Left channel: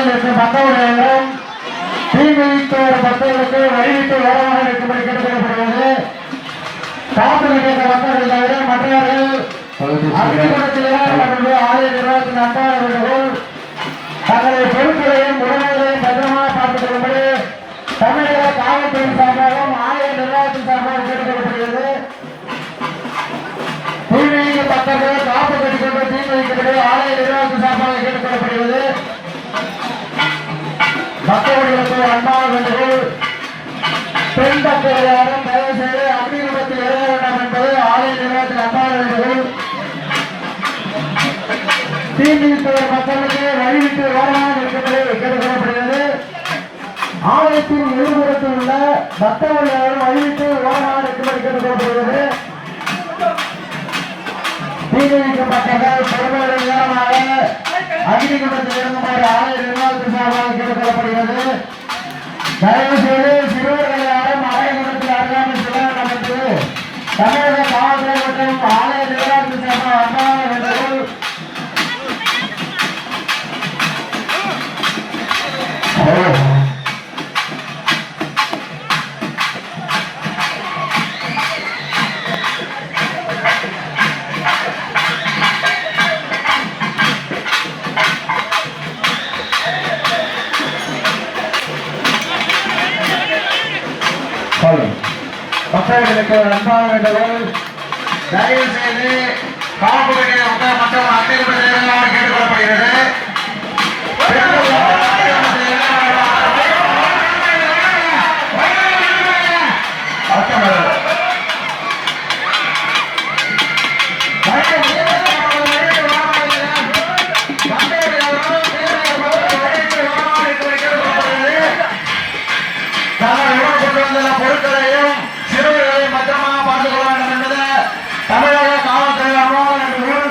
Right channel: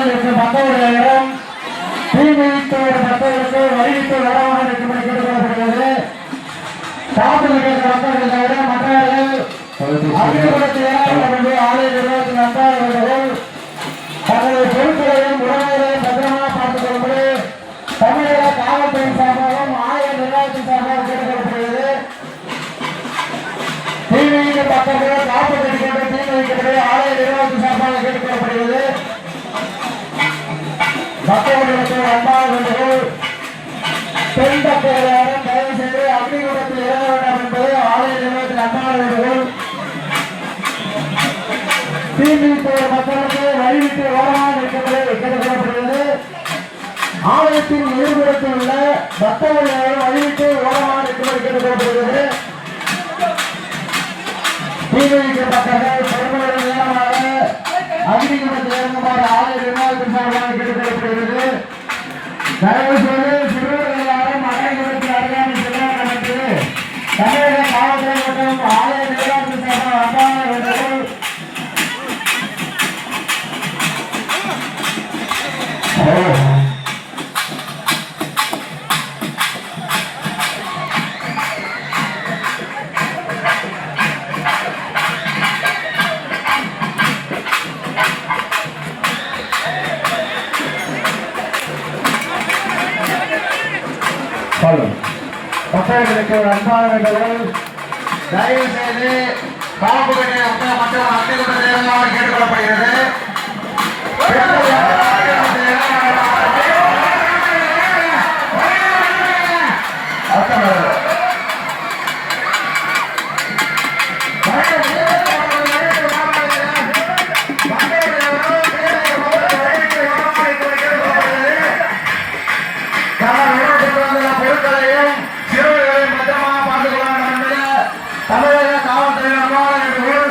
பத்தவர்களுக்கு 10,000 தீமிதிக்கு ஒரு 10களுக்கு வழிவிட்டு வேறமாக இருக்கும்படி கேட்டுக்கொள்ளப்படுகிறது. காப்பில் கேட்ட மக்கள் தவிர மற்றவர்கள் ஆலய நிர்வாகத்தின் அன்பான வேண்டுகோள் தங்களை பொருட்களையும் உடமைகளையும் பத்திரமாக பார்த்துக் கொள்ளும்படி தமிழக காவல்துறையின் சார்பாகவும் ஆலய நிர்வாகத்தின் சார்பாக கேட்டுக்கொள்ளப்படுகிறது. தீமிதிக்கு 10 காப்பு கட்டிக்கொண்டு தீமிதிக்கப்படி ஆலய நிர்வாகத்தின் சார்பாக கேட்டுக்கொள்ளப்படுகிறது. மக்களுக்கு அன்பான வேண்டுகோள் பெண் பக்தர்களாலும் தயவு செய்து அக்னிகுண்டத்தில் இறங்க வேண்டாம் என்பது ஆலய நிர்வாகத்தின் அன்பான வேண்டுகோள். தீமிதிப்பவர் மக்களுக்கு வழிவிட்டு ஓரமாக இருக்கின்றது கேட்டுக்கொள்ளப்படுகிறது. ஆலயத்தின் எதிர்புறத்தில் உள்ள பக்தர்கள் வழிவிட்டு ஓரமாக இருக்கும்படி கேட்டுக்கொள்ளப்படுகிறது. தீமிதிக்கப்பட்டவர்கள் பெருமளவு நேரமாக அக்னிகுண்டத்தில் இறங்குமாறு ஆலய நிர்வாகத்தின் சார்பாக கேட்டுக்கொள்ளப்படுகிறது. தயவு செய்து சிறுவர்கள் யாரும் அக்னிகுண்டத்தில் அருகாமல் செல்ல வேண்டும் என்று தமிழக காவல்துறை மற்றும் ஆலய நிர்வாகத்தின் சார்பாக அன்பான வேண்டுகோள். பக்தர்களுக்கு அன்பான வேண்டுகோள். தயவு செய்து காப்பு மற்றும் அக்னிகுண்டத்தில் கேட்டுக்கொள்ளப்படுகிறது. பொருட்களையும் சிறுவர்களையும் பத்திரமாக பார்த்துக் கொள்ள வேண்டும் என்பது தமிழக காவல்துறை அன்பான வேண்டுகோள்.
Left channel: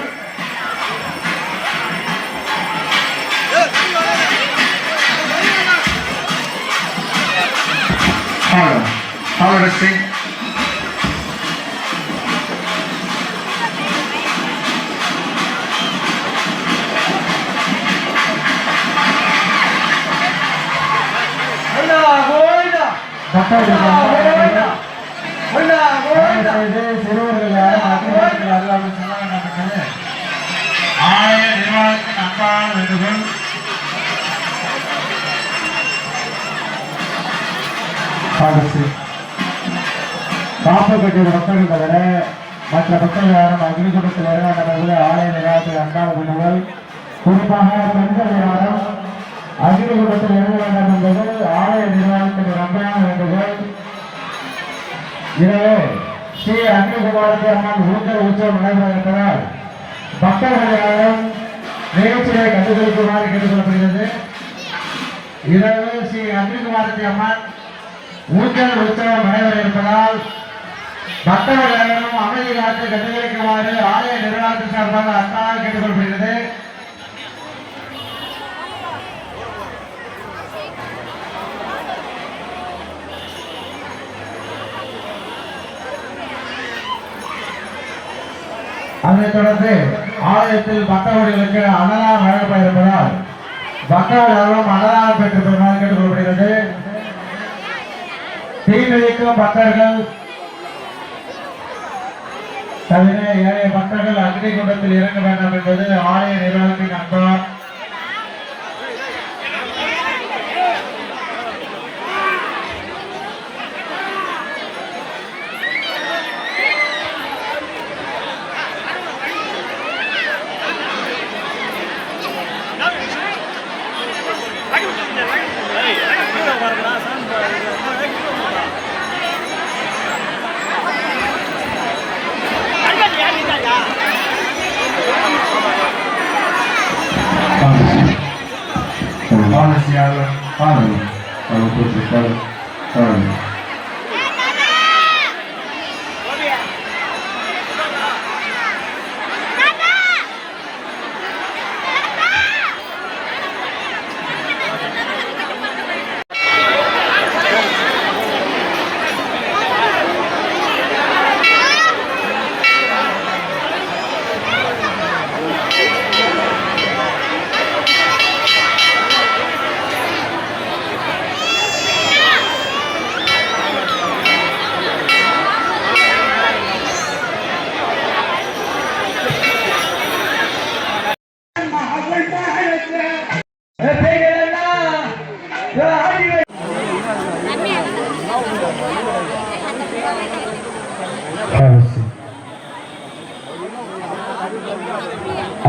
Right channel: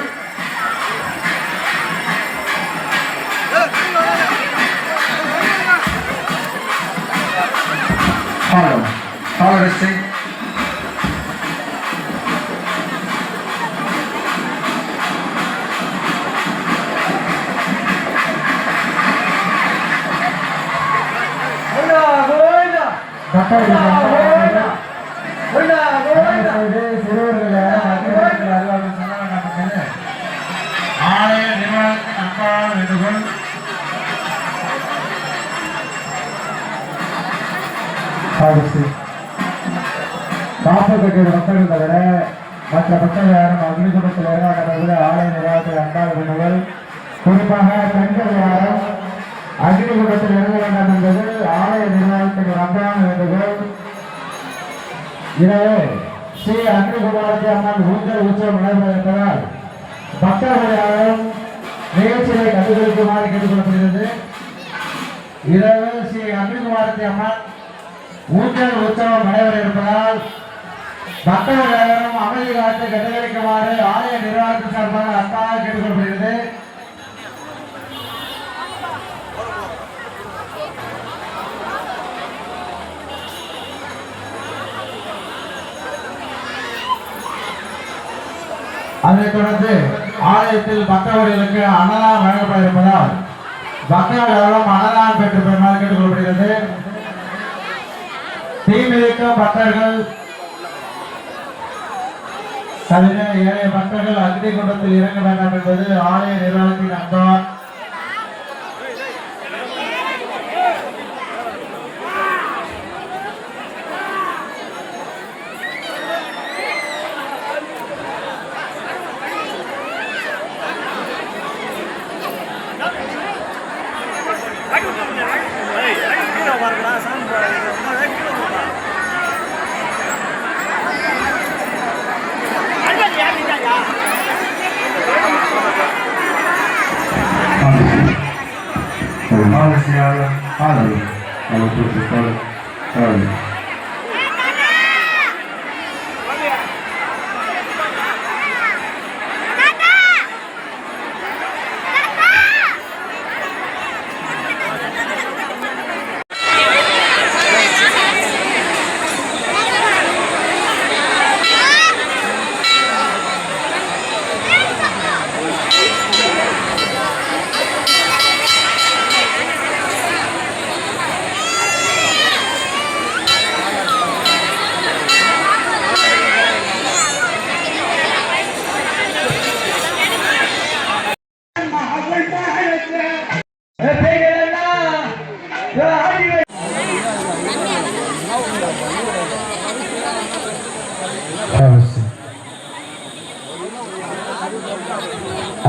ஆலய நிர்வாகத்தின் அன்பான வேண்டுகோள். காப்பு கட்டிய மக்கள் தவிர மற்ற மக்கள் யாரும் அக்னிகுண்டத்தில் இறங்காத ஆலய நிர்வாகத்தில் அன்பான வேண்டுகோள். குறிப்பாக பெண்கள் யாரும் அக்னிகுண்டத்தில் இறங்க வேண்டாம் என்பது ஆலய நிர்வாகத்தின் அன்பான வேண்டுகோள். இரவு ஸ்ரீ அக்னிகுமாரத்தி அம்மன் ஊஞ்சல் உற்சவம் நடைபெற இருப்பதால் பக்தர்கள் யாரும் நிகழ்ச்சியை கண்டுகளிக்குமாறு கேட்டுக்கொள்ளப்படுகிறது. இரவு ஸ்ரீ அக்னிகுமாரத்தி அம்மன் ஊஞ்சல் உற்சவம் நடைபெற இருப்பதால் பக்தர்கள் யாரும் அமைதி காத்து கண்டுகளிக்குமாறு ஆலய நிர்வாகத்தின் சார்பாக அன்பாக கேட்டுக்கொள்ளப்படுகிறது. அதைத் தொடர்ந்து ஆலயத்தில் பக்தர்களுக்கு அன்னதானம் வழங்கப்பட இருப்பதால் பக்தர்களும் அன்னதானம் பெற்று பெறுமாறு கேட்டுக்கொள்ளப்படுகிறது. தீமிதிக்கும் பக்தர்கள் தவிர ஏழைய பக்தர்கள் அக்னிகுண்டத்தில் இறங்க வேண்டாம் என்பது ஆலய நிர்வாகத்தின் அன்பான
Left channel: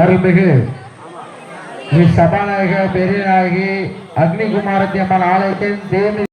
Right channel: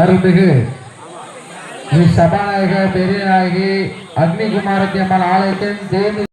அருள்மிகு சபாநாயகர் பெரியநாயகி அக்னிகுமாரத்தி அம்மன் ஆலயத்தின் தேவி